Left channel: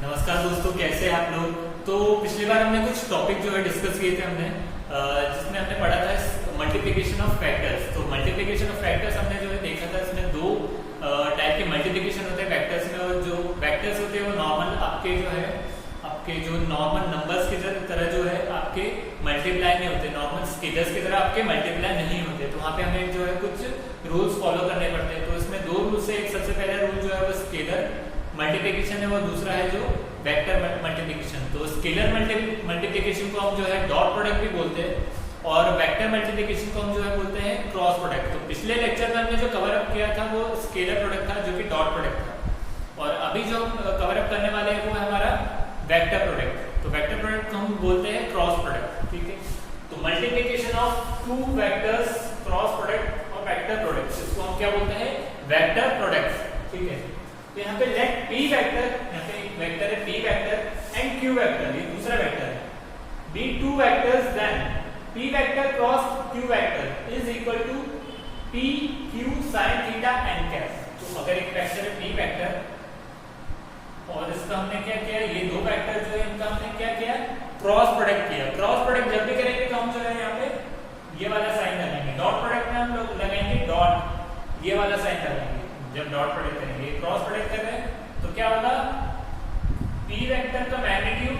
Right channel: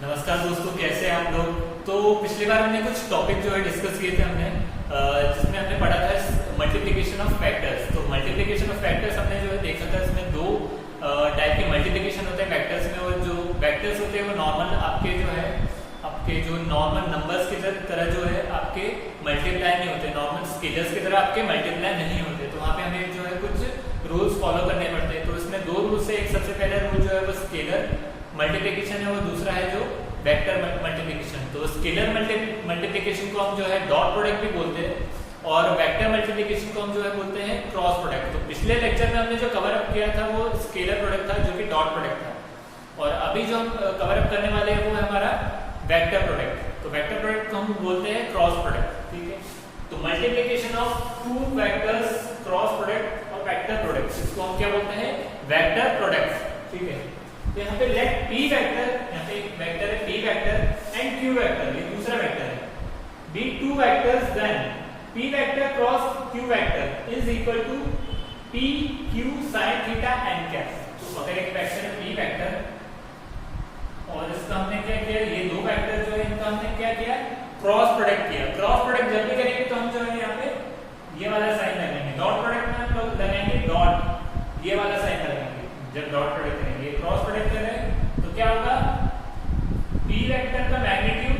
नमस्कार दोस्तों, कैसे हैं आप लोग। तो पिछली बार हमने कुछ टॉपिक जो है डिस्कस किए थे जिसमें हमने पढ़ा था मल्टीप्लिकेशन ऑफ फैक्टर्स। तो मल्टीप्लिकेशन ऑफ फैक्टर्स हमने जो है देखा था, इसमें दो टाइप के मल्टीप्लिकेशन होते हैं फैक्टर्स में। और जो फैक्टर्स होते हैं वो नॉर्मल आपके जो नॉर्मल नंबर्स की तरह जो है आपके मल्टीप्लाई नहीं होते, नॉर्मल स्केलर्स की तरह आपके मल्टीप्लाई नहीं होते। तो वहाँ पे हमें जो है कुछ रूल्स फॉलो करने पड़ते हैं। तो इसमें दो रूल्स है, एक सबसे पहला रूल जो है वो स्केलर मल्टीप्लिकेशन है, वो दूसरा है जो वेक्टर मल्टीप्लिकेशन। तो स्केलर मल्टीप्लिकेशन को हम जो है डॉट प्रोडक्ट भी बोलते हैं और वेक्टर मल्टीप्लिकेशन को हम जो है बोलते हैं क्रॉस प्रोडक्ट। तो पिछले लेक्चर में हमने जो कवर अप किया था वो स्केलर प्रोडक्ट था, जो कि डॉट प्रोडक्ट था। और अभी जो हम कवर अप करने वाले हैं वो है हमारा वेक्टर प्रोडक्ट। तो वेक्टर प्रोडक्ट को हम बोलते हैं क्रॉस प्रोडक्ट। ठीक है, तो multiplication of two vectors, cross product और वेक्टर प्रोडक्ट, इसको हम क्या बोलते हैं, वेक्टर प्रोडक्ट। ठीक है, तो यहाँ पे लेट p वेक्टर, यहाँ पे एक वेक्टर है p vector and q vector, ये दूसरा वेक्टर है, be two vectors then p vector cross q vector is equal to p q sin theta n cap. तो अगर एक वेक्टर है p वेक्टर और इसका हमने क्या किया, ये दो वेक्टर जो है इनका हमने क्या किया, क्रॉस प्रोडक्ट किया। क्रॉस प्रोडक्ट जब भी करेंगे तो हम जो है यहाँ पे ये वाला साइन लगाएंगे, डॉट प्रोडक्ट में हम लोग लगाएंगे डॉट, ये वाला साइन लगाएंगे जब डॉट प्रोडक्ट करेंगे। क्रॉस प्रोडक्ट कर रहे हैं तो क्या होगा, p वेक्टर का मैग्नीट्यूड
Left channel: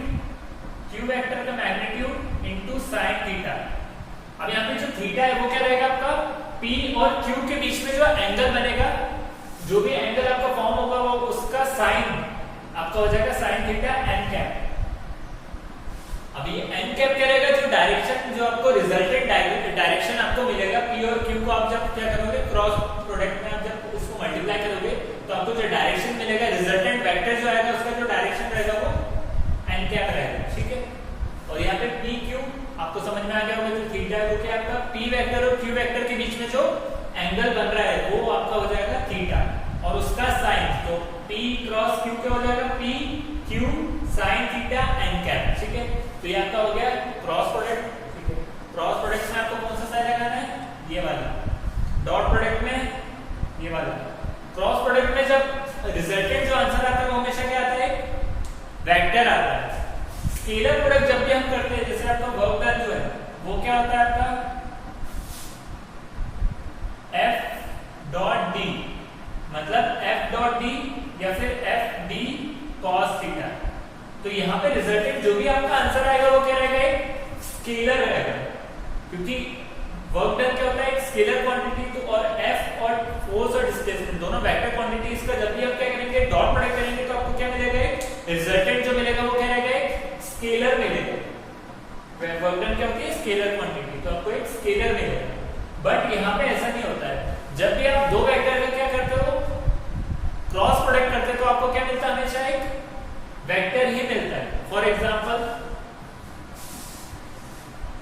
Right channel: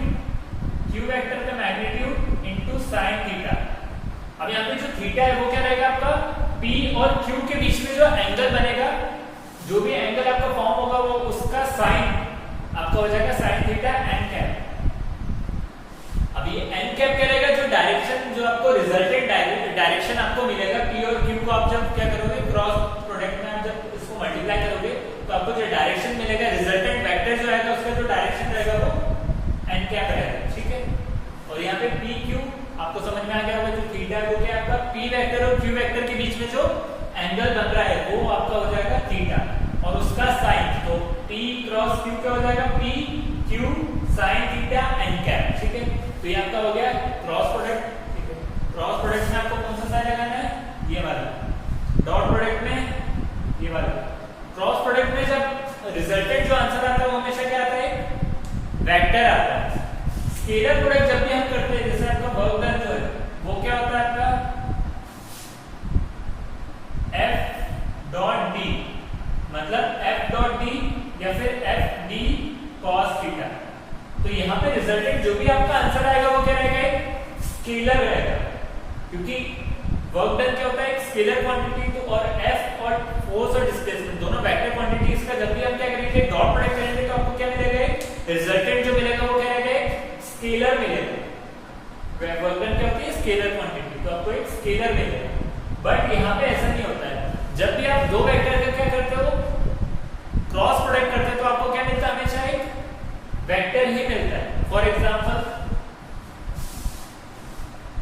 q वेक्टर का मैग्नीट्यूड इनटू sin थीटा। अब यहाँ पे जो थीटा है वो क्या रहेगा आपका, p और q के बीच में जो एंगल बनेगा, जो भी एंगल आपका फॉर्म होगा वो उसका साइन आपका हो जाएगा sin थीटा n कैप। अब ये n कैप क्या रहेगा, जो डायरेक्शन, जो आपको रिजल्टेंट डायरेक्शन आपको मिलेगा p और q को आप जब क्या करोगे, क्रॉस प्रोडक्ट में आप जब इसको मल्टीप्लाई करोगे तो आपको जो डायरेक्शन मिलेगा, रिजल्टेंट वेक्टर जो आएगा उसका जो डायरेक्शन रहेगा वो n कैप रहेगा। ठीक है, और यहाँ पे p q आपको समझ में आ गया होगा, जो थीटा वो क्या आपका p वेक्टर और q वेक्टर के बीच में जो एंगल बन रहा है वो आपका हो जाएगा थीटा और उसका साइन। तो p क्रॉस q क्या हो जाएगा, p q sin theta n cap. ठीक है, तो ये आपका हो गया क्रॉस प्रोडक्ट। ठीक है, क्रॉस प्रोडक्ट में आपको कौन सा साइन लगाना है, ये वाला। डॉट प्रोडक्ट में ये वाला। क्रॉस प्रोडक्ट में जब रिजल्टेंट जो आंसर आता है वो हमेशा क्या आता है, वेक्टर आता है। स्केलर प्रोडक्ट जब भी हम करते हैं, जैसे आपका वर्क डन जो है वो क्या होता है आपका f डॉट d, मतलब f डॉट d या फिर f d cos थीटा। तो यहाँ पे रिजल्टेंट जो भी आपका आंसर आएगा वो क्या रहेगा, एक स्केलर रहेगा, क्योंकि वर्क डन क्या होता है, एक स्केलर क्वांटिटी। तो और f और फोर्स और डिस्प्लेसमेंट दोनों वेक्टर क्वांटिटीज का जब भी आप क्या करेंगे, डॉट प्रोडक्ट करेंगे तो आपको क्या मिलेगा, रिजल्टेंट जो मिलेगा वो क्या रहेगा, एक स्केलर मिलेगा। वर्क डन क्या होती है, स्केलर क्वांटिटी, तो आपको एक स्केलर मिलेगा। बट यहाँ पे ऐसा नहीं होता है, जब भी आप दो वेक्टर का क्या करते हो, क्रॉस प्रोडक्ट करते हो तो आपको क्या मिलता है, हमेशा एक वेक्टर ही मिलता है। फॉर एग्जाम्पल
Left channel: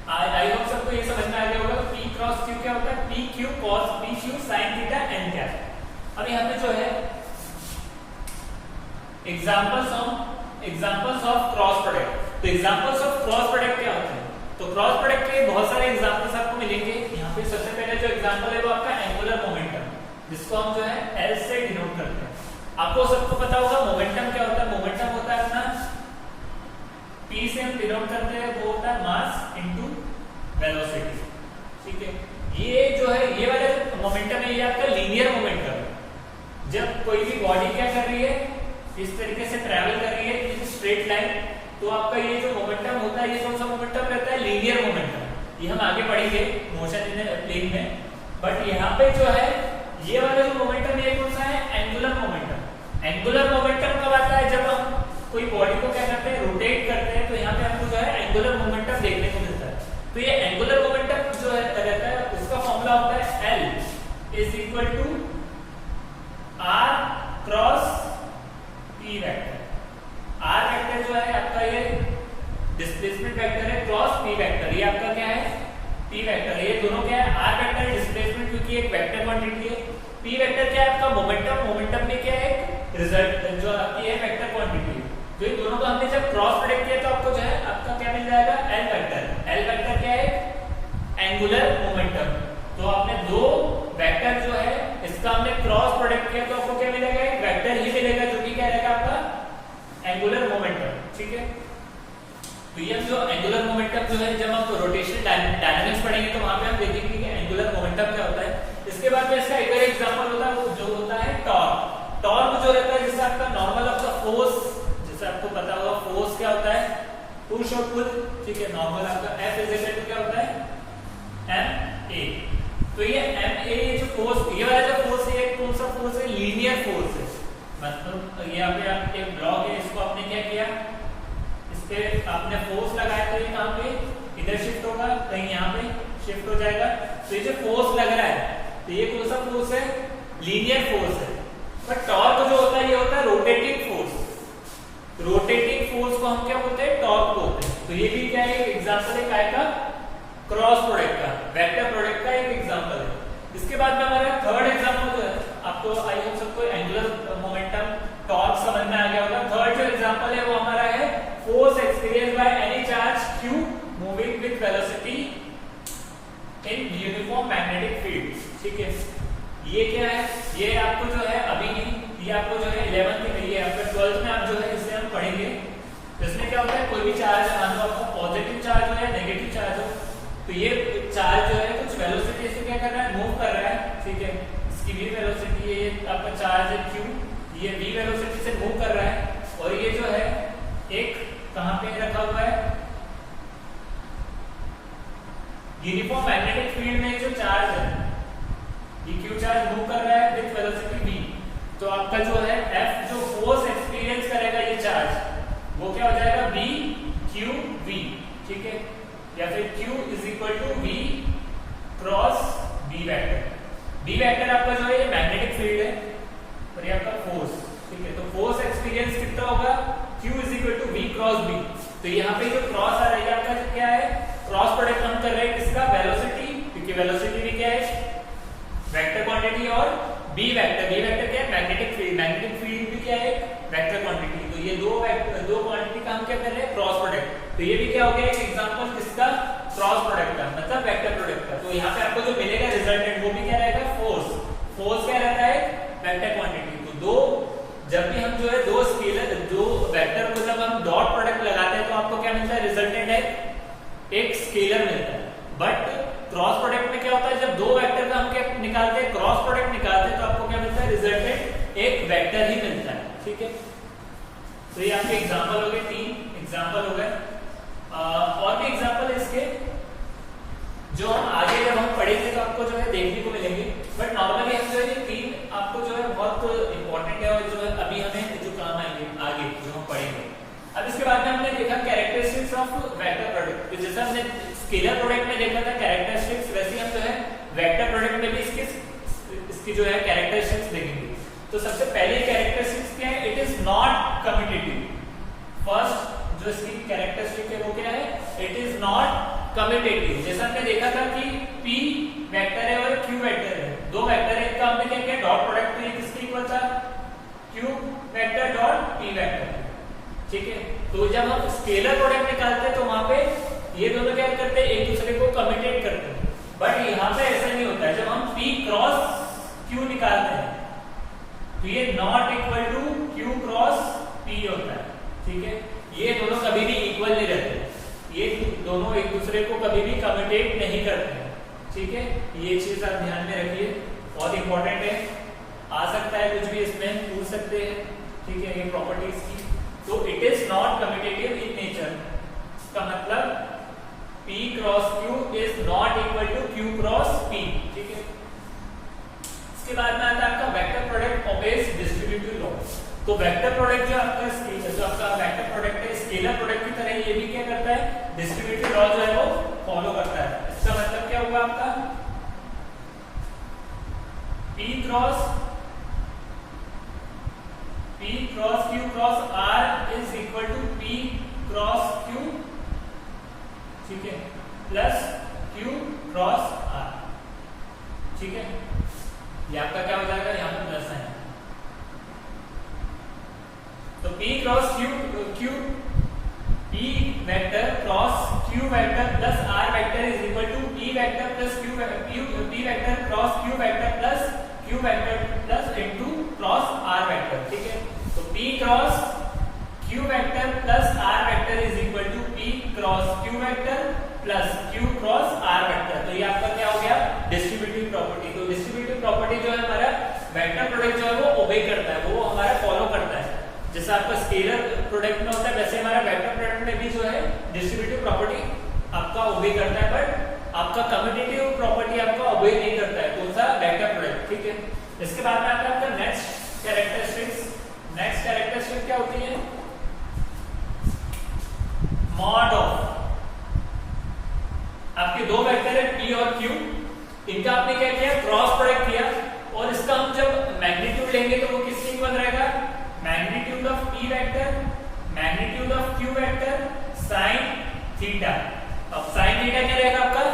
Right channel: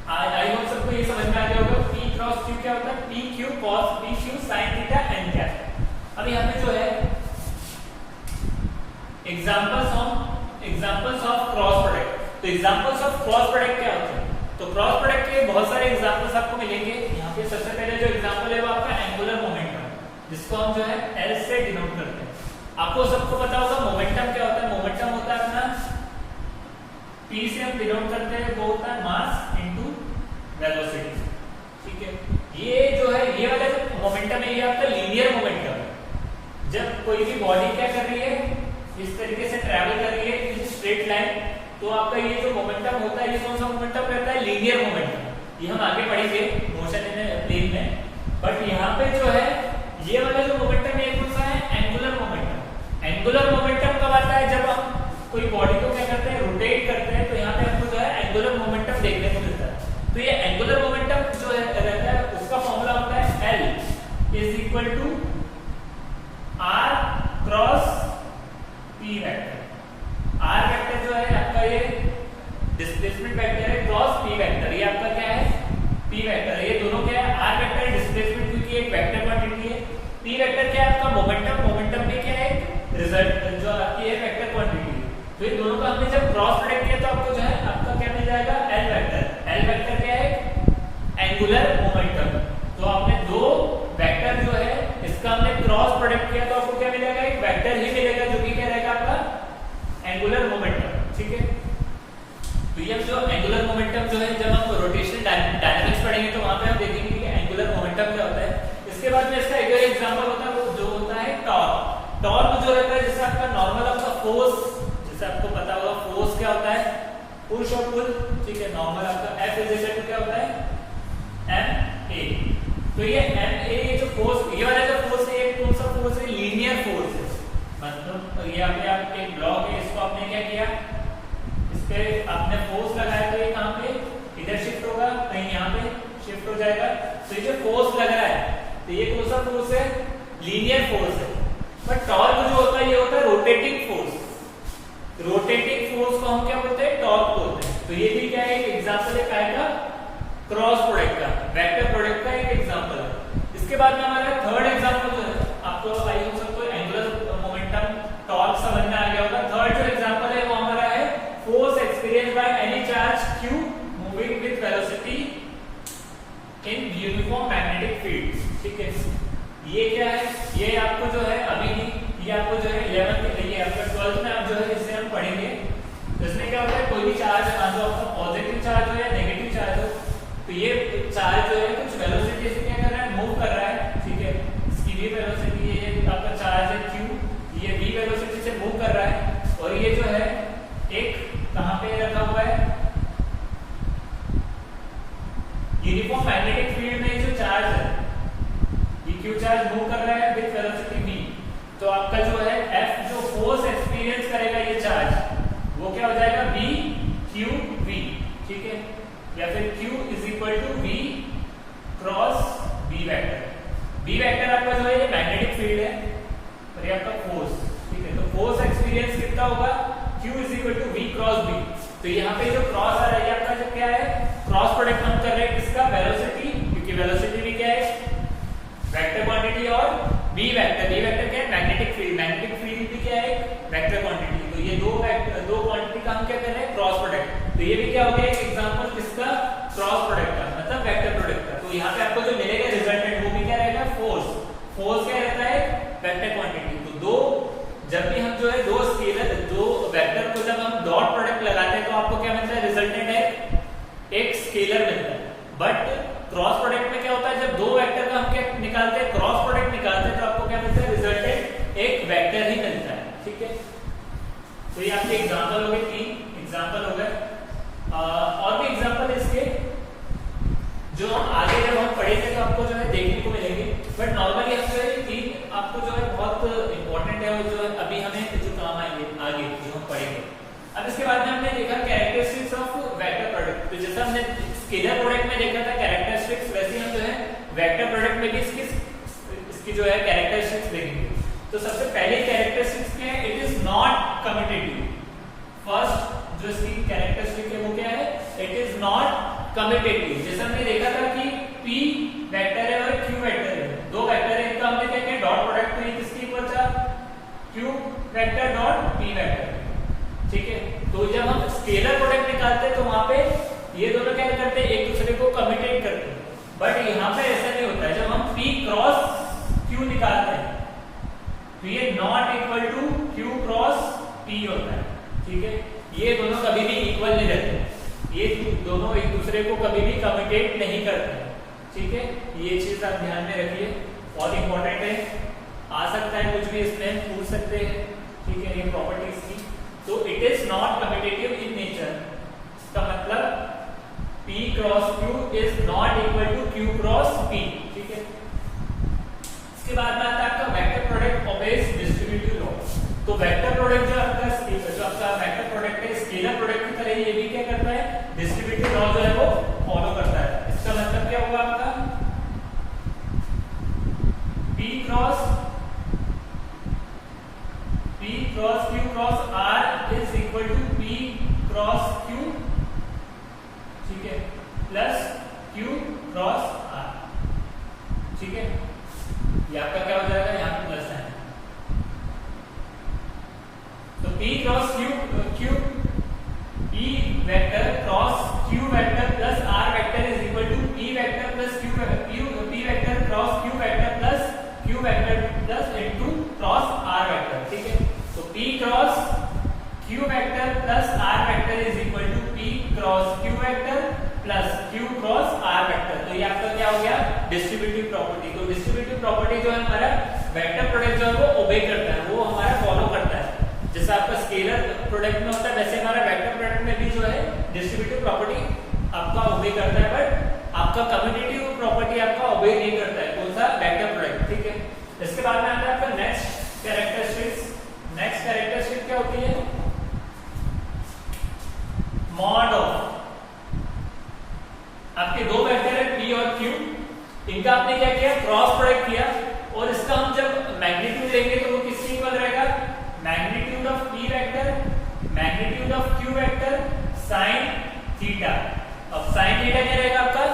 आई होप सबको ये समझ में आ गया होगा, p क्रॉस q क्या होता है, p q cos p q sin theta n cap. अब यहाँ पे जो है एग्जांपल्स ऑफ क्रॉस प्रोडक्ट। तो एग्जांपल्स ऑफ क्रॉस प्रोडक्ट क्या होते हैं, तो क्रॉस प्रोडक्ट के बहुत सारे एग्जांपल्स आपको मिलेंगे। यहाँ पे सबसे पहले जो एग्जांपल है वो आपका एंगुलर मोमेंटम, जिसको हम जो है L से डिनोट करते हैं। आपको सबको पता होगा मोमेंटम क्या होता है, मोमेंटम होता है अपना p से हम डिनोट करते हैं, वो होता है मास इनटू वेलोसिटी। ठीक है, ये जो है ये वाला जो मोमेंटम है ये आपका लीनियर मोमेंटम है। जब कोई भी बॉडी क्या कर रही है, इस तरीके से ट्रैवल कर रही है इस स्ट्रेट लाइन, तो आपका ये जो मोमेंटम होता है ये कौन सा मोमेंटम रहता है, लीनियर मोमेंटम। ये हम आगे पढ़ेंगे मोशन इन प्लेन में। बट यहाँ पे जो है ये वाला जो मोमेंटम है कौन सा है, एंगुलर मोमेंटम। एंगुलर मोमेंटम कब आता है, जब हम कोई बॉडी को क्या करते हैं, रोटेट करते हैं, तो यहाँ पे हमको जो है एंगुलर मोमेंटम देखने को मिलता है। तो ये एंगुलर मोमेंटम जो रहता है उसका फॉर्मूला होता है L is equal to R cross P vector. R vector जो है आपका ये डिस्प्लेसमेंट वेक्टर है, क्रॉस P वेक्टर ये आपका क्या है, P वेक्टर। ये दोनों क्या है, R वेक्टर है डिस्प्लेसमेंट, क्योंकि एक वेक्टर क्वांटिटी है। P वेक्टर क्या है आपका मोमेंटम, मोमेंटम में क्या है रिजल्ट जो आपकी है वेक्टर क्वांटिटी है। तो इन दोनों का हमने जब क्रॉस प्रोडक्ट किया तो आपको जो है आपका क्या मिल जाएगा, L वेक्टर। L वेक्टर क्या है, एंगुलर मोमेंटम। तो आपने दो वेक्टर जो है इसका हमने क्रॉस प्रोडक्ट किया तो आपको क्या मिलेगा, एक वेक्टर ही मिलेगा, जो कि क्या रहेगा आपका एंगुलर बाद में इसका एक और एग्जांपल होता है, वो जो होता है टॉर्क। टॉर्क जो रहता है जैसे आपका नॉर्मल आपका फोर्स, जैसे आपको पता होगा फोर्स क्या होता है, पुश और पुल, ठीक है। नॉर्मल आपका F इज इक्वल टू क्या होता है, ma। तो ये ma जो फोर्स, ये वाला जो फोर्स है, कौन सा फोर्स है, लीनियर फोर्स है। मतलब यहाँ पे आप एक ब्लॉक है, इसको आपने क्या किया, इस पे आपने फोर्स लगाया, तो ये कहाँ पे इधर शिफ्ट होगा, कहीं यहाँ पे शिफ्ट हो जाएगा। तो ये जो फोर्स लग रहा है, तो ये कौन सा फोर्स है, लीनियर फोर्स है। बट टॉर्क जो होता है, ये होता है रोटेटिंग फोर्स। रोटेटिंग फोर्स को हम क्या बोलते हैं, टॉर्क बोलते हैं। तो ये भी क्या है, एक एग्जांपल है काय का, क्रॉस प्रोडक्ट का, वेक्टर प्रोडक्ट का एक एग्जांपल है। इसके बाद में हमारा थर्ड एग्जांपल जो है, आपको आई होप सबको एंगुलर मोमेंटम टॉर्क समझ में आ गया होगा। थर्ड जो एग्जांपल है वो हमारा है force experienced by any charge q moving with velocity in uniform magnetic field, ठीक है। ये क्या है, ये आपको जो है अभी ये आपको जो है 11th ये आपका 12th में आप जो है इसे हम पढ़ेंगे। तो इसमें क्या होता है, कोई भी चार्ज जो आपका पॉजिटिव चार्ज हो या नेगेटिव चार्ज हो, तो ये चार्ज जो है कुछ वेलोसिटी से क्या कर रहा है, मूव कर रहा है, ठीक है। इसकी v वेलोसिटी, ये आपका चार्ज है q, ये v वेलोसिटी से मूव कर रहा है। और ये जो है एक कहां पे रखा हुआ है, यूनिफॉर्म मैग्नेटिक फील्ड में जो चार्ज है, ये q चार्ज मूव कर रहा है विद वेलोसिटी v। तो आपका जो है F जो फोर्स एक्सपीरियंस करेगा ये चार्ज, वो क्या हो जाएगा, v q v, ठीक है। या फिर q is equal to v cross b vector. b vector आपका जो है ये मैग्नेटिक फील्ड है और ये आपका फोर्स, ठीक है। तो फोर्स एक्सपीरियंस कितना होगा, q is equal to v cross b। तो यहाँ पे जो क्रॉस आ रहा है आपका जो क्या है, क्रॉस प्रोडक्ट हम कर रहे हैं किसका, वेलोसिटी, क्योंकि वेलोसिटी भी क्या है, वेक्टर क्वांटिटी, और b वेक्टर, b वेक्टर क्या है, मैग्नेटिक फील्ड, मैग्नेटिक फील्ड भी क्या है, वेक्टर क्वांटिटी। तो ये दो क्वांटिटी का हम क्या कर रहे हैं, क्रॉस प्रोडक्ट। तो ये भी क्या हो गया, एक एग्जांपल किसका, क्रॉस प्रोडक्ट का, मतलब वेक्टर प्रोडक्ट का। तो यहाँ पे आपको जो मिलेगा रिजल्टेंट, वो भी क्या रहेगा, फोर्स। फोर्स क्या रहता है, वेक्टर क्वांटिटी। तो दो, जब भी हम जो है दो स्केलर, दो वेक्टर को जब हम डॉट प्रोडक्ट लगाते हैं, तो आपको क्या मिलता है, रिजल्टेंट है एक स्केलर मिलता है। बट क्रॉस प्रोडक्ट में क्या होता है, जब दो वेक्टर का हम क्या निकालते हैं, क्रॉस प्रोडक्ट निकालते हैं, तो आपको क्या मिलता है, रिजल्टेंट एक वेक्टर ही मिलता है, ठीक है। तो ये आपके एग्जांपल हो गए, 3 एग्जांपल हो गए। और भी एग्जांपल है इसके, जो हम आगे जब हम पढ़ेंगे तो आपको जो है देखने को मिलेंगे। बट नॉर्मली हम जो है 3 आपको जो है बहुत इंपॉर्टेंट है, और जो है अभी हमें जो काम आएंगे आगे जो हम पढ़ेंगे। अब इसके बाद में हमने देखा कैरेक्टरिस्टिक्स ऑफ वेक्टर प्रोडक्ट। तो जैसा हमने स्केलर प्रोडक्ट में देखा था कैरेक्टरिस्टिक्स, वैसे हम जो है वेक्टर प्रोडक्ट में भी इसकी जो है कैरेक्टरिस्टिक्स देखेंगे। तो सबसे पहले कैरेक्टरिस्टिक्स क्या है, it is not commutative. First जो इसकी कैरेक्टरिस्टिक है वो क्या है, इट इज नॉट कम्यूटेटिव। जैसा हमने देखा था कि p वेक्टर है और q वेक्टर है, दो वेक्टर है, इनका हमने क्या किया, डॉट प्रोडक्ट। तो ये किसके इक्वल था, q vector dot p vector, ठीक है। तो जब हम स्केलर प्रोडक्ट निकालते हैं तो वहां पे ये दोनों क्या करते हैं, एक दूसरे को कम्यूटेट करते हैं। बट यहाँ पे ऐसा नहीं होता है। जब हम p क्रॉस q निकालते हैं तो ये not equal to q cross p होता है, ठीक है। ये दोनों कभी भी इक्वल नहीं रहते, ये दोनों एक दूसरे को कभी भी कम्यूटेट नहीं करते हैं, ठीक है। ये चीज आप ध्यान में रखिए, बहुत इंपॉर्टेंट है। आ सकता है कुछ भी इसमें पूछ सकते हैं, ठीक है, ये प्रॉपर्टीज की। तो it is not commutative in nature, इसका मतलब p cross q is not equal to q cross p, ठीक है। इसके बाद में आता है आपका vector product obeys distributive law. तो वेक्टर प्रोडक्ट जो आपका वेक्टर प्रोडक्ट है, स्केलर प्रोडक्ट की तरह ये भी क्या करता है, डिस्ट्रीब्यूटिव लॉ जो है वो फॉलो करता है। इसका मतलब क्या होगा आपका, p cross q cross r is equal to p cross q, ठीक है, प्लस q क्रॉस r, ठीक है। ये आपका क्या हो जाएगा, यहाँ पे प्लस है। तो p cross q p vector cross q vector plus r vector is equal to p vector plus p vector cross q vector plus q vector plus into cross r vector, ठीक है। तो p cross q vector plus r vector is equal to p cross q vector plus q cross r vector. तो ये आपका क्या हो गया, distributive property. तो डिस्ट्रीब्यूटिव प्रॉपर्टी जो है हमारा वेक्टर प्रोडक्ट जो है वो ओबे करता है, वो हमारा फॉलो करता है। जैसा आपका स्केलर प्रोडक्ट में होता है वैसे हमारा वेक्टर प्रोडक्ट में भी जो है डिस्ट्रीब्यूटिव प्रॉपर्टी आपका ओबे करता है, बट आपका कम्यूटेटिव प्रॉपर्टी आपका ओबे नहीं करता है। कौन सा, वेक्टर प्रोडक्ट, ठीक है। इसके बाद में आता है आपका नेक्स्ट कैरेक्टरिस्टिक्स। नेक्स्ट कैरेक्टरिस्टिक क्या होती है, मॉड ऑफ आपके दो वेक्टर है P और Q, इनका आपने क्या किया, क्रॉस प्रोडक्ट किया, और इसका हम जब मैग्नीट्यूड लेंगे तो वो किसके इक्वल रहेगा, magnitude of P vector magnitude of Q vector sine theta. अब साइन थीटा क्या रहेगा आपका,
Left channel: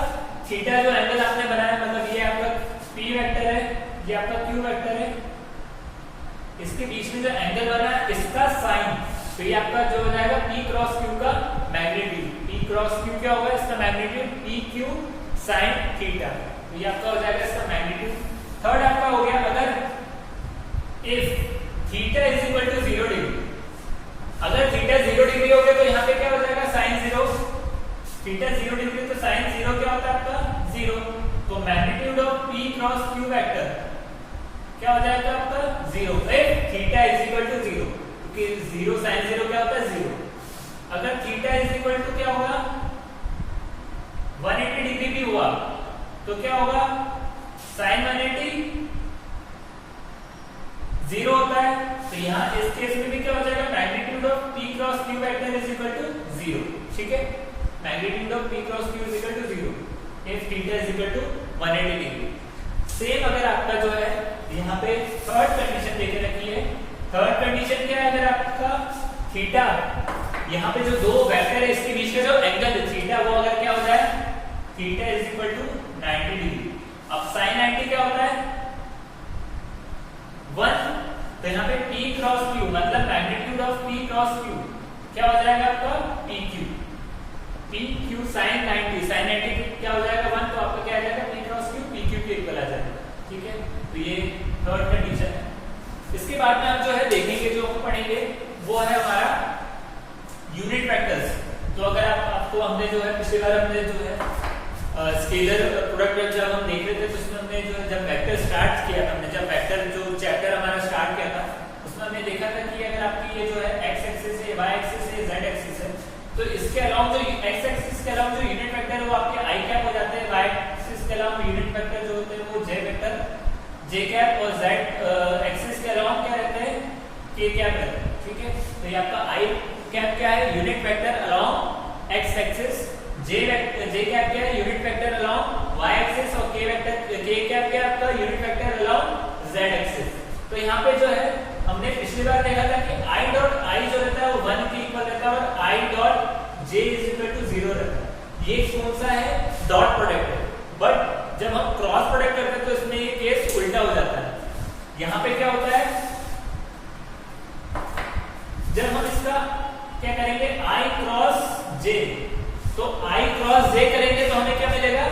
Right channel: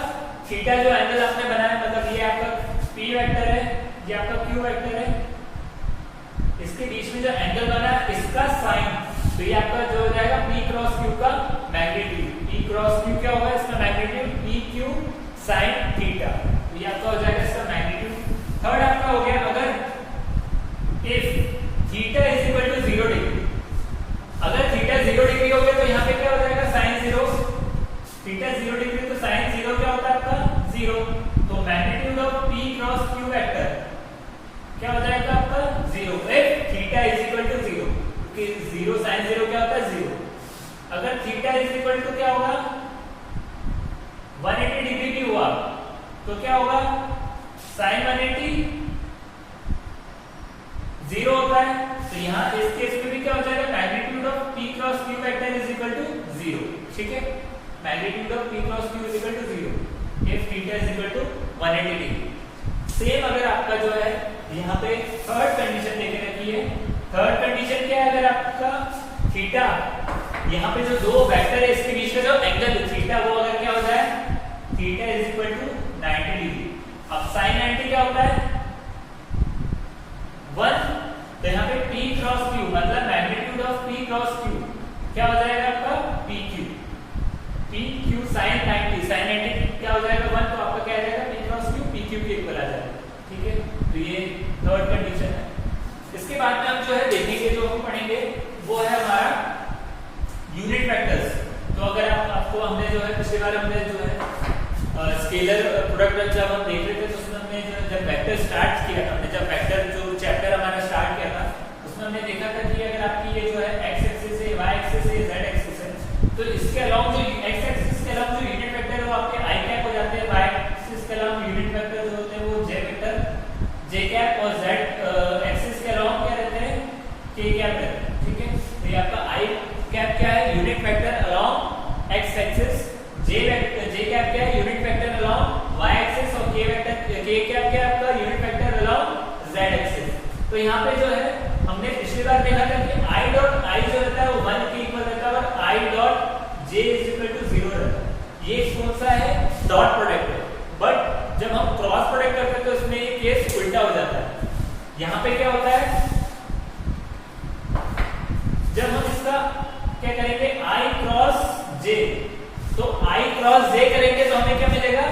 थीटा जो एंगल आपने बनाया, मतलब ये आपका P वेक्टर है, ये आपका Q वेक्टर है, इसके बीच में जो एंगल बना है इसका साइन, तो ये आपका जो हो जाएगा P क्रॉस Q का मैग्नीट्यूड। P क्रॉस Q क्या होगा, इसका मैग्नीट्यूड PQ साइन थीटा, तो ये आपका हो जाएगा इसका मैग्नीट्यूड। थर्ड आपका हो गया, अगर if theta is equal to 0 degree, अगर थीटा 0 डिग्री हो गया तो यहाँ पे क्या हो जाएगा, साइन 0। थीटा 0 डिग्री तो साइन 0 क्या होता है आपका, 0। तो magnitude of P cross Q vector क्या हो जाएगा आपका, 0। If theta is equal to 0, क्योंकि 0 साइन 0 क्या होता है, 0। अगर थीटा इज इक्वल टू क्या होगा, 180 डिग्री भी हुआ तो क्या होगा, साइन 180 0 होता है, तो यहाँ इस केस में भी क्या हो जाएगा, magnitude of P cross Q vector is equal to 0, ठीक है। Magnitude of P cross Q is equal to 0 if theta is equal to 180 degree. Same अगर आपका जो है यहाँ पे थर्ड कंडीशन देके रखी है, थर्ड कंडीशन क्या है, अगर आपका थीटा यहाँ पे जो दो वेक्टर है इसके बीच में जो एंगल थीटा वो अगर क्या हो जाए, theta is equal to 90 degree. अब साइन 90 क्या होता है, 1, तो यहाँ पे P क्रॉस Q मतलब magnitude of P cross Q क्या हो जाएगा आपका, PQ। PQ साइन 90, साइन 90 क्या हो जाएगा 1, तो आपका क्या आ जाएगा, P क्रॉस Q PQ के इक्वल आ जाएगा, ठीक है। तो ये थर्ड कंडीशन है। इसके बाद में हम जो है देखेंगे, जो हम पढ़ेंगे वो है हमारा यूनिट वेक्टर्स। तो अगर आपको हमने जो है पिछली बार हमने जो है स्केलर प्रोडक्ट जब हम देख रहे थे तो उसमें हमने जो है जब वेक्टर स्टार्ट किया था, हमने जब वेक्टर जो चैप्टर हमारा स्टार्ट किया था उसमें हमने देखा था कि अगर आपकी ये जो है एक्स एक्सिस है, वाई एक्सिस है, जेड एक्सिस है, तो इसके अलावा जो एक्स एक्सिस के अलावा जो यूनिट वेक्टर है वो आपके आई कैप हो जाते हैं, वाई एक्सिस के अलावा यूनिट वेक्टर जो होते हैं वो जे वेक्टर जे कैप, और जेड एक्सिस के अलावा क्या रहते हैं, के कैप रहते हैं, ठीक है। तो ये आपका आई कैप क्या है, unit vector along x axis, j cap क्या है, unit vector along y axis, और के कैप क्या है आपका unit vector along z axis. तो यहाँ पे जो है हमने पिछली बार देखा था कि आई डॉट आई जो रहता है वो 1 के इक्वल रहता है, और I dot J is equal to 0 रहता है। ये कौन सा है, डॉट प्रोडक्ट है, बट जब हम क्रॉस प्रोडक्ट करते हैं तो इसमें ये केस उल्टा हो जाता है। यहाँ पे क्या होता है, जब हम इसका क्या करेंगे, आई क्रॉस जे, तो आई क्रॉस जे करेंगे तो हमें क्या मिलेगा,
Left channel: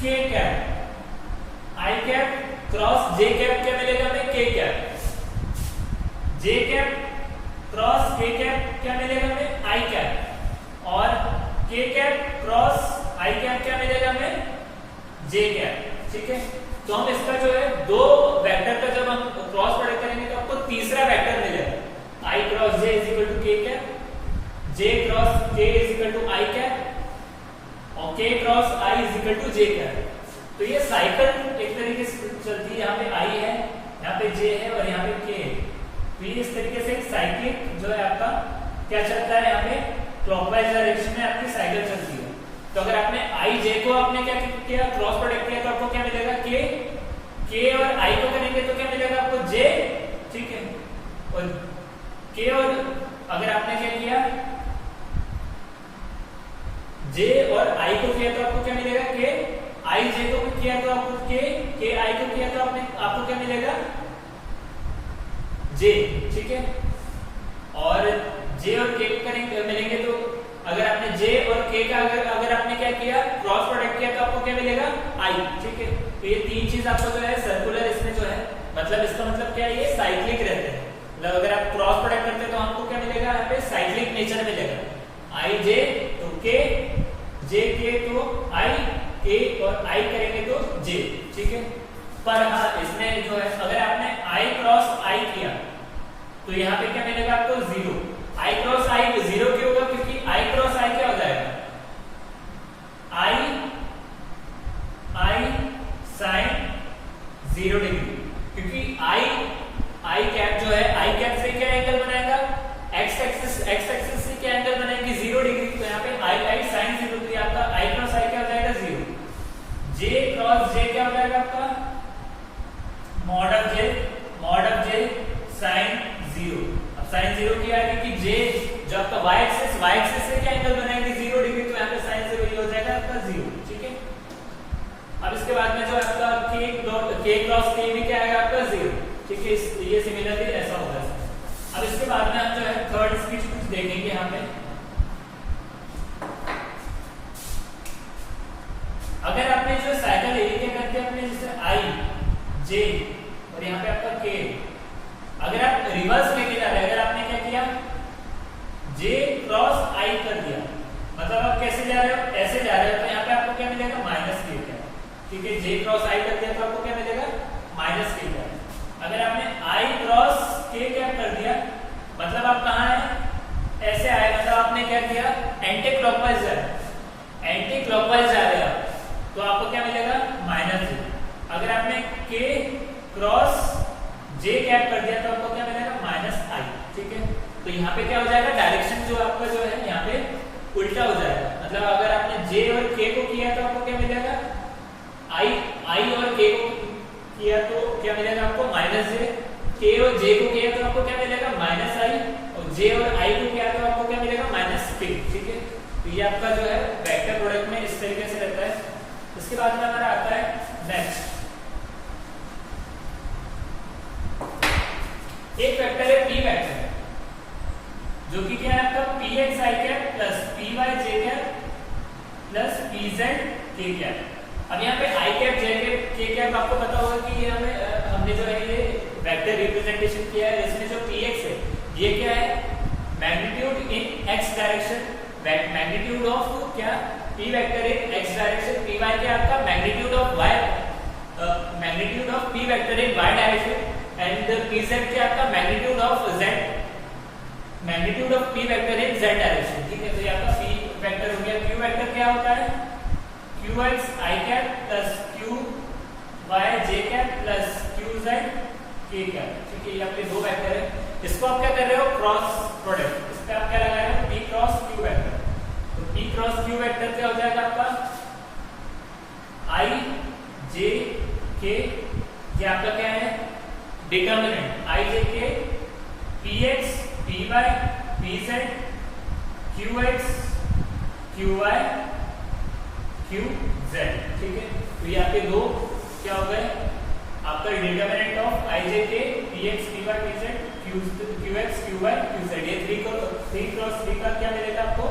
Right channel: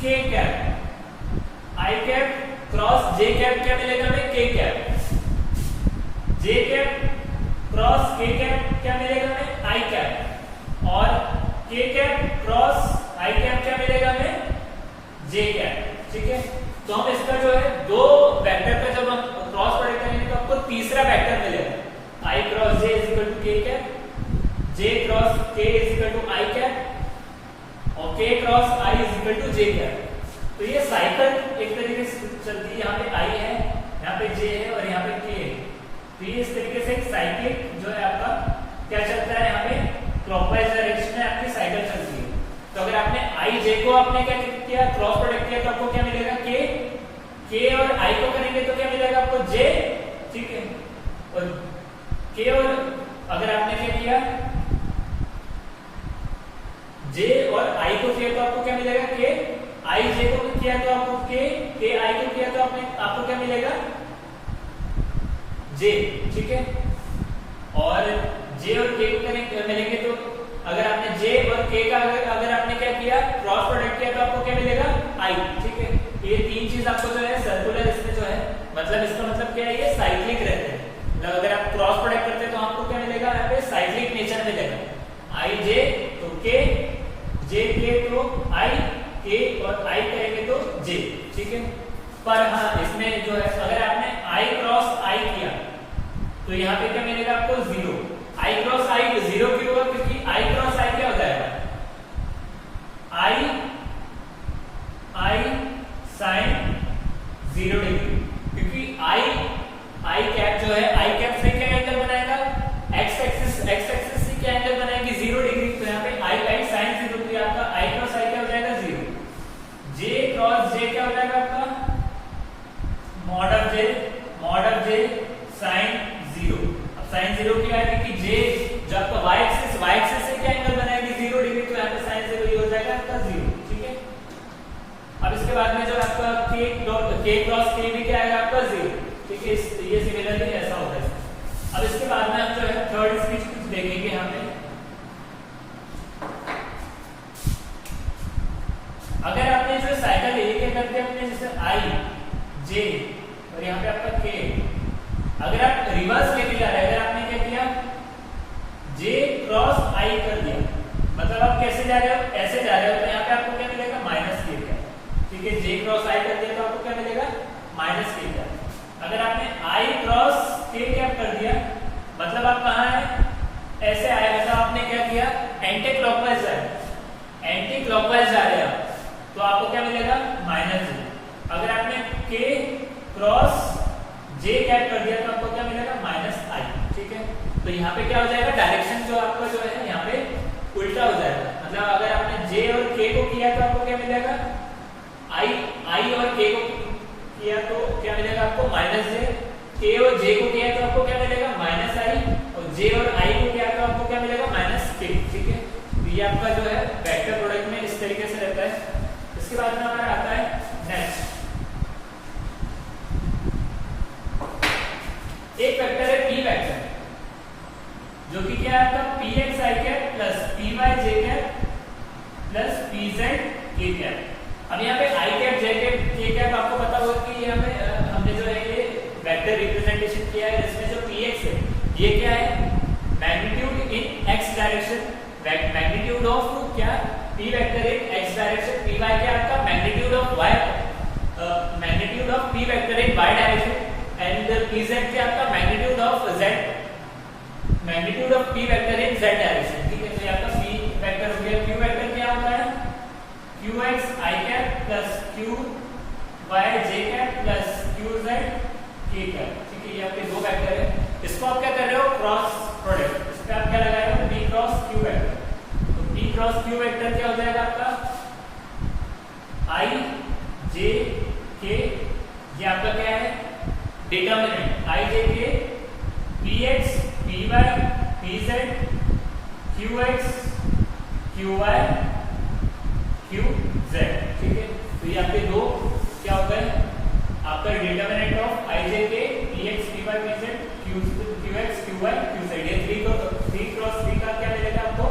के कैप। आई कैप क्रॉस जे कैप क्या मिलेगा हमें, के कैप। जे कैप क्रॉस के कैप क्या मिलेगा हमें, आई कैप। और के कैप क्रॉस आई कैप क्या मिलेगा हमें, जे कैप, ठीक है। तो हम इसका जो है दो वेक्टर का जब हम क्रॉस प्रोडक्ट करेंगे तो आपको तीसरा वेक्टर मिलेगा, i cross j is equal to k cap, j cross k is equal to i cap, और k cross i is equal to j cap. तो ये साइकिल एक तरीके से चलती है, यहाँ पे आई है, यहाँ पे जे है, और यहाँ पे के है। तो ये इस तरीके से एक साइकिल जो है आपका क्या चलता है, यहाँ पे क्लॉकवाइज डायरेक्शन में आपकी साइकिल चलती है। तो अगर आपने आई जे को आपने क्या किया, क्रॉस प्रोडक्ट किया, तो आपको क्या मिलेगा, के और आई को करेंगे तो क्या मिलेगा आपको, जे, ठीक है। और के और अगर आपने क्या किया, जे और आई को किया तो आपको क्या मिलेगा, के। आई जे को किया तो आपको के आई को किया तो आपको क्या मिलेगा, जे, ठीक है। और जे और के करेंगे मिलेंगे तो अगर आपने जे और के का अगर आपने क्या किया, क्रॉस प्रोडक्ट किया तो आपको क्या मिलेगा, आई, ठीक है। तो ये तीन चीज आपको जो है सर्कुलर इसमें जो है, मतलब इसका मतलब क्या है, ये साइक्लिक रहते हैं। मतलब अगर आप क्रॉस प्रोडक्ट करते हैं तो आपको क्या मिलेगा, यहाँ पे साइक्लिक नेचर मिलेगा। आई जे तो के, जे के तो आई, के और आई करेंगे तो जे, ठीक है। पर हाँ इसमें जो है अगर आपने आई क्रॉस आई किया तो यहाँ पे क्या मिलेगा आपको 0। आई क्रॉस आई 0 क्यों होगा, क्योंकि आई क्रॉस आई क्या हो जाएगा, आई साइन 0 डिग्री, क्योंकि आई कैप जो है आई कैप से क्या एंगल बनाएगा, एक्स एक्सिस से क्या एंगल बनाएगी 0 डिग्री। तो यहाँ पे आई साइन 0 डिग्री, आपका आई क्रॉस आई क्या हो जाएगा 0। जे क्रॉस जे क्या हो जाएगा आपका मॉड ऑफ जे साइन 0। अब साइन 0 क्या है कि जे जो आपका वाई एक्सिस से क्या एंगल बनाएगी 0 डिग्री, तो यहाँ पे साइन 0 ये हो जाएगा आपका 0, ठीक है। अब इसके बाद में जो आपका के क्रॉस के भी क्या आएगा आपका 0, ठीक है। ये सिमिलरली ऐसा होता है। अब इसके बाद में हम जो है थर्ड स्पीच कुछ देखेंगे यहाँ पे। अगर आपने जो साइकिल है ये क्या करते हैं अपने, जैसे आई जे और यहाँ पे आपका के, अगर आप रिवर्स लेके जा रहे हैं, अगर आपने क्या किया जे क्रॉस आई कर दिया, मतलब आप कैसे जा रहे हो, ऐसे जा रहे हो, तो यहाँ पे आपको क्या मिलेगा माइनस के क्या, ठीक है। जे क्रॉस आई कर दिया तो आपको क्या मिलेगा माइनस के क्या। अगर आपने आई क्रॉस के कैप कर दिया मतलब आप कहाँ है, ऐसे आए, मतलब आपने क्या किया एंटी क्लॉकवाइज जा रहे हैं तो आपको क्या मिलेगा माइनस जे। अगर आपने के क्रॉस जे कैप कर दिया तो आपको क्या मिलेगा माइनस आई, ठीक है। तो यहाँ पे क्या हो जाएगा, डायरेक्शन जो आपका जो है यहाँ पे उल्टा हो जाएगा। मतलब अगर आपने जे और के को किया तो आपको क्या मिलेगा, आई और के को किया तो क्या मिलेगा आपको माइनस जे, के और जे को किया तो आपको क्या मिलेगा माइनस आई, और जे और आई को किया तो आपको क्या मिलेगा माइनस के, ठीक है। तो ये आपका जो है वेक्टर प्रोडक्ट में इस तरीके से रहता है। इसके बाद में हमारा आता है नेक्स्ट, एक वेक्टर है पी वेक्टर, जो कि क्या है आपका पी एक्स आई कैप प्लस पी वाई जे कैप प्लस पी जेड के कैप। अब यहाँ पे आई कैप जे कैप के कैप आपको पता होगा कि ये हमने जो है ये वेक्टर रिप्रेजेंटेशन किया है, जिसमें जो पी एक्स है ये क्या है magnitude in X direction, magnitude of क्या P vector in X direction, P Y क्या आपका magnitude of Y, magnitude of P vector in Y direction, and P Z क्या आपका magnitude of Z, magnitude of P vector in Z direction, ठीक है। तो ये आपका पी वेक्टर हो गया। क्यू वेक्टर क्या होता है क्यू एक्स आई कैप प्लस क्यू वाई जे कैप प्लस क्यू जेड के कैप, ठीक है। ये आपके दो वेक्टर है, इसको आप क्या कर रहे हो क्रॉस प्रोडक्ट, इसका आप क्या लगा रहे हो पी क्रॉस क्यू वेक्टर। तो पी क्रॉस क्यू वेक्टर क्या हो जाएगा आपका आई जे के, ये आपका क्या है determinant I J K P X P Y P Z Q X Q Y Q Z, ठीक है। तो ये आपके दो क्या हो गए आपका determinant of I J K P X P Y P Z Q X Q Y Q Z. ये 3 क्रॉस 3 का क्या मिलेगा आपको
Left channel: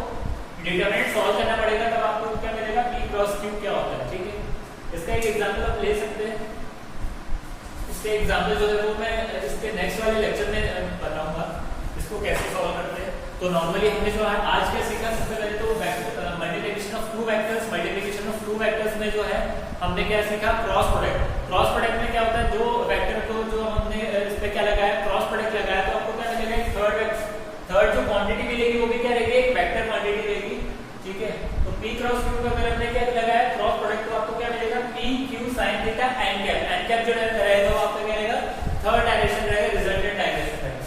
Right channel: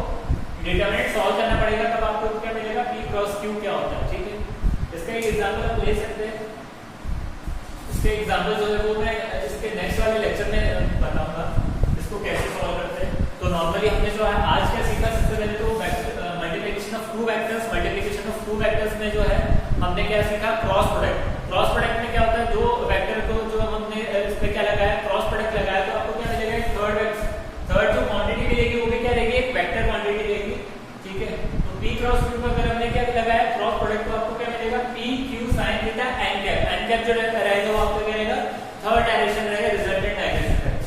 डिटर्मिनेंट सॉल्व करना पड़ेगा, तब आपको क्या मिलेगा पी क्रॉस क्यू क्या होता है, ठीक है। इसका एक एग्जांपल आप ले सकते हैं, इसके एग्जांपल जो है वो मैं इसके नेक्स्ट वाले लेक्चर में बताऊंगा इसको कैसे सॉल्व करते हैं। तो नॉर्मली हमने जो है आज क्या सीखा, सबसे पहले तो multiplication of two vectors, multiplication of two vectors में जो है हमने क्या सीखा क्रॉस प्रोडक्ट। क्रॉस प्रोडक्ट में क्या होता है दो वेक्टर को जो हमने इस पे क्या लगाया क्रॉस प्रोडक्ट लगाया तो आपको क्या मिलेगा थर्ड जो क्वांटिटी मिलेगी वो भी क्या रहेगी एक वेक्टर क्वांटिटी रहेगी, ठीक है। तो पी क्रॉस क्यू अगर हमने क्या लगाया क्रॉस प्रोडक्ट तो आपको क्या मिलेगा P Q sine theta N cap जो रहेगा वो आपका क्या रहेगा थर्ड डायरेक्शन रहेगा, रिजल्टेंट डायरेक्शन रहेगा।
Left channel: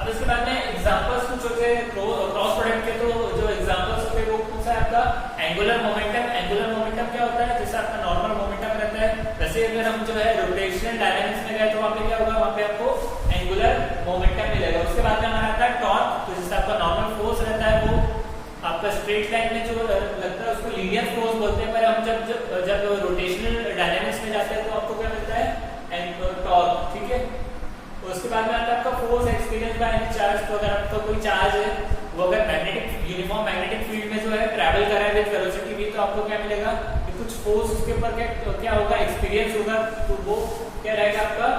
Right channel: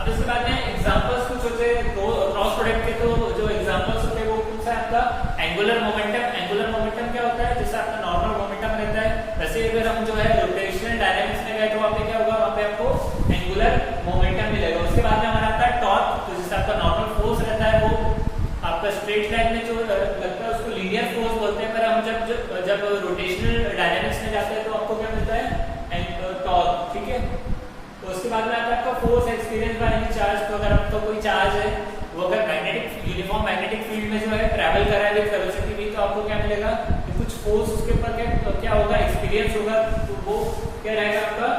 अब इसके बाद में एग्जांपल्स कुछ होते हैं क्रॉस प्रोडक्ट के, तो जो एग्जांपल्स होते हैं वो कुछ है आपका एंगुलर मोमेंटम। एंगुलर मोमेंटम क्या होता है जैसे आपका नॉर्मल मोमेंटम रहता है, वैसे अगर हम जो है रोटेशनल डायनामिक्स में गए तो वहाँ पे क्या होगा वहाँ पे आपको एंगुलर मोमेंटम मिलेगा। उसके बाद में हमारा आता है टॉर्क, तो जैसे आपका नॉर्मल फोर्स रहता है वो आपका स्ट्रेट लाइन में जो लगता है उसको लीनियर फोर्स बोलते हैं, पर हम जब रोटेशनल डायनामिक्स में जाते हैं तो आपको क्या मिलता है टॉर्क, ठीक है। तो उसके बाद में आता है आपका force experience by any charge. तो अगर आपका कोई चार्ज है वो अगर मैग्नेटिक यूनिफॉर्म मैग्नेटिक फील्ड में जो है ट्रैवल कर रहा है विद वेलोसिटी v तो आपको क्या मिलेगा कि कुछ फोर्स उसके ऊपर क्या होगा एक्सपीरियंस होगा, तो वो क्या रहेगा आपका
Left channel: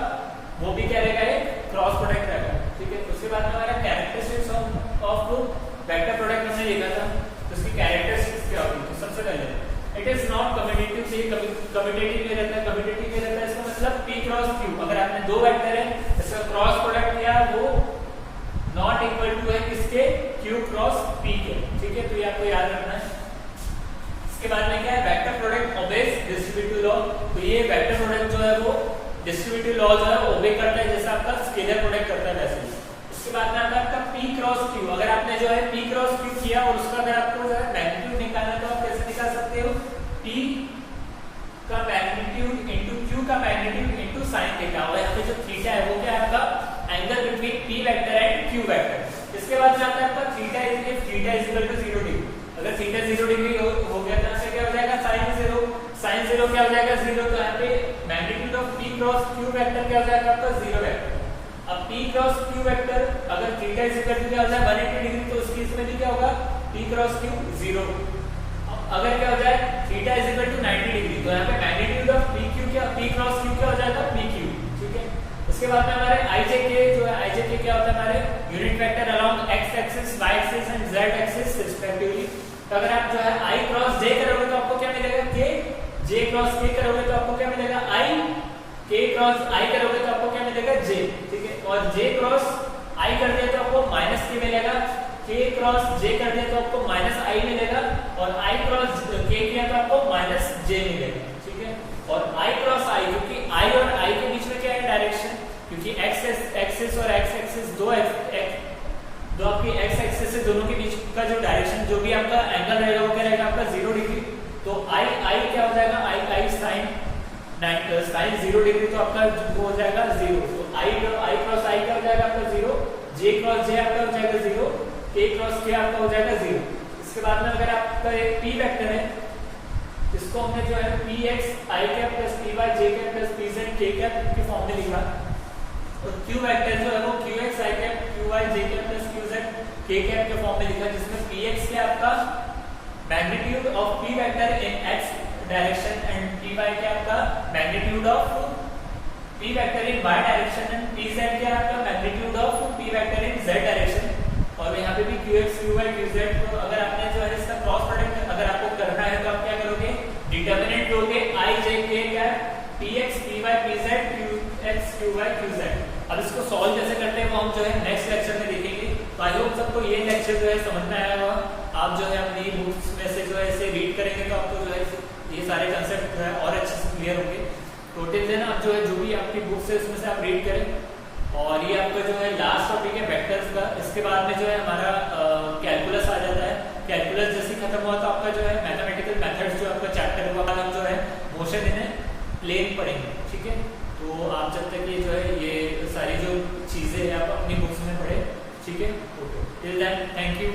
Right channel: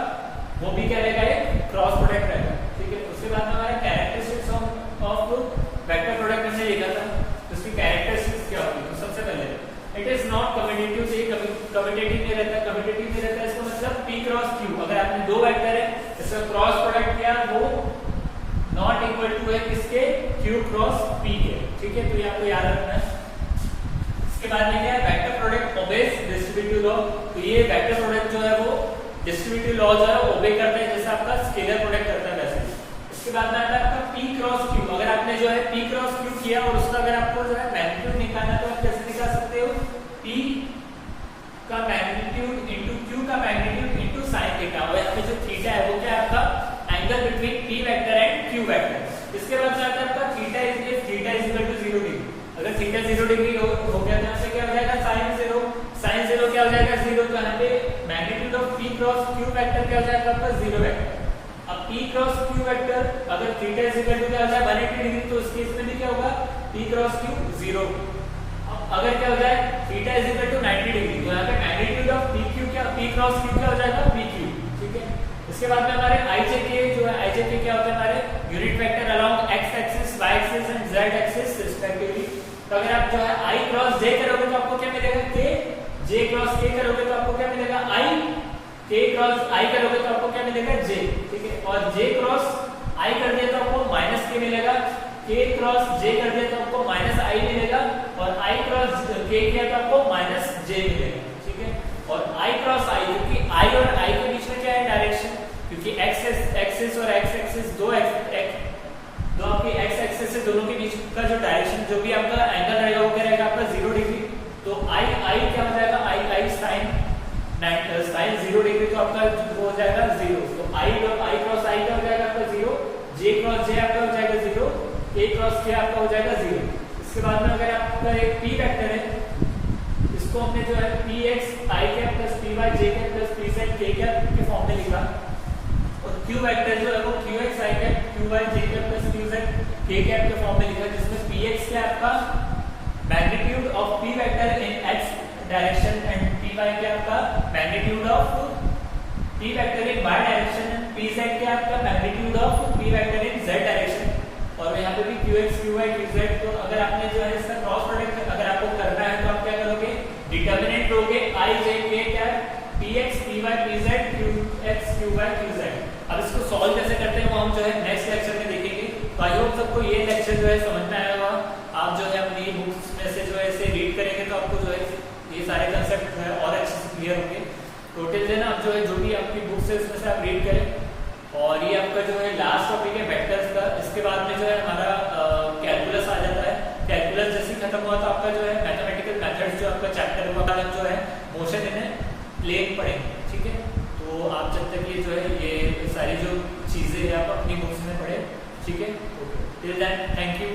वो भी क्या रहेगा ये क्रॉस प्रोडक्ट रहेगा, ठीक है। उसके बाद में हमारा कैरेक्टरिस्टिक्स ऑफ वेक्टर प्रोडक्ट हमने देखा था, तो उसकी कैरेक्टरिस्टिक्स क्या होगी। तो सबसे पहले इट इज नॉट कम्यूटेटिव, से कम्यूटेटिव नहीं रहता, कम्यूटेटिव नहीं रहता इसका मतलब P क्रॉस Q, अगर आपने दो वेक्टर है इसका क्रॉस प्रोडक्ट किया वो नॉट इक्वल टू है किसके, Q क्रॉस P के, ठीक है, तो ये आपको याद रखना है। इसके बाद में क्या है, vector product obeys distributive law, तो ये वेक्टर प्रोडक्ट जो है वो डिस्ट्रीब्यूटिव लॉ जो है ओबे करता है जैसा आपका स्केलर प्रोडक्ट करता है वैसे। इसके बाद में आता है आपका P क्रॉस Q, अगर आपने जो है P क्रॉस Q किया और उसका अगर आपको जो है मैग्नीट्यूड निकालना तो आप कैसे निकाल सकते हो, P का मैग्नीट्यूड इनटू Q का मैग्नीट्यूड इनटू sin थीटा, और यहाँ पे जो थीटा है वो क्या है आपका angle between P vector and Q vector. इसके बाद आता है आपका theta is equal to 0 degree, अगर थीटा 0 डिग्री हो गया तो यहाँ क्या हो जाएगा sin 0 क्या हो जाएगा 0, तो यहाँ पे magnitude of P cross Q vector क्या हो जाएगा आपका 0 वेक्टर। अब P क्रॉस Q वेक्टर अगर थीटा इज इक्वल टू क्या हो जाए 180 डिग्री, तो इस केस में भी क्या होगा P क्रॉस Q 0। अब अगर क्या हो जाए theta is equal to 90 degree, तो यहाँ पे magnitude of P cross Q क्या हो जाएगा PQ, ठीक है। उसके बाद में हमारे IJK जो है, IJK क्या होता है हमारे unit vector along x axis, y axis and z axis respectively. तो अगर आप जो है I क्रॉस J करोगे तो आपको क्या मिलेगा K, J क्रॉस K करोगे तो आपको क्या मिलेगा I, K क्रॉस I करोगे तो आपको क्या मिलेगा J, ठीक है, और J क्रॉस I कर दिया तो आपको माइनस K मिलेगा, K क्रॉस J कर दिया तो आपको माइनस I मिलेगा, और I क्रॉस K किया तो आपको माइनस J मिलेगा, ठीक है। और I क्रॉस I, क्योंकि I और I के बीच में क्या है डायरेक्शन, क्योंकि x एक्सिस और x एक्सिस दो आपकी x एक्सिस से दोनों के बीच का जो डायरेक्शन जो भी आपका एंगल रहेगा वो क्या रहेगा आपका 0 डिग्री, तो I क्या हो जाएगा I sin 0 डिग्री, तो आपका वो हो जाएगा 0, तो I क्रॉस I क्या हो जाएगा आपका 0, J क्रॉस J आपका हो जाएगा 0, K क्रॉस K आपका हो जाएगा 0। इसके बाद में अगर आपका एक P वेक्टर है, इसको हमने जो है Px I cap plus Py J cap plus Pz K cap के फॉर्म में लिखा, और Q वेक्टर जो है वो Qx I cap Qy J cap plus Qz K cap के फॉर्म में लिखा, जिसमें Px क्या आपका magnitude of P vector in x direction and Py क्या आपका magnitude of P vector in y direction and Pz क्या आपका magnitude of P vector in z direction, और यहाँ पे भी Qx Qy Qz। तो अगर आपने जो है इसका क्रॉस प्रोडक्ट अगर आपको करना है तो आप क्या करोगे, डिटर्मिनेंट लोगे I J K क्या Px Py Pz Qx Qy Qz। अब इसको सॉल्व कैसे करते हैं वो हम जो है नेक्स्ट लेक्चर में देखेंगे। तो आई होप सबको ये लेक्चर जो है समझ में आया होगा, आप जो है अपनी बुक्स में से जो है इसे रीड करेंगे तो आपको जो है ये सारे कंसेप्ट जो है और अच्छे से क्लियर होंगे। तो टिल देन आप जो है जो भी आपकी बुक्स है उसमें से आप रीड करें, और ये आपका जो है लास्ट टॉपिक है वेक्टर्स का। इसके बाद में जो है हमारा कैलकुलस आ जाता है, कैलकुलस जैसे खत्म हुआ तो आपका जो है मैथमेटिकल मेथड्स जो आपका चैप्टर हुआ हम जो है मोशन इन प्लेन पढ़ेंगे, ठीक है। तो आप जब तक ये जो है ये सारी जो चीजें हैं आप अपनी बुक्स में पढ़े, ठीक है। Okay, till then thank you.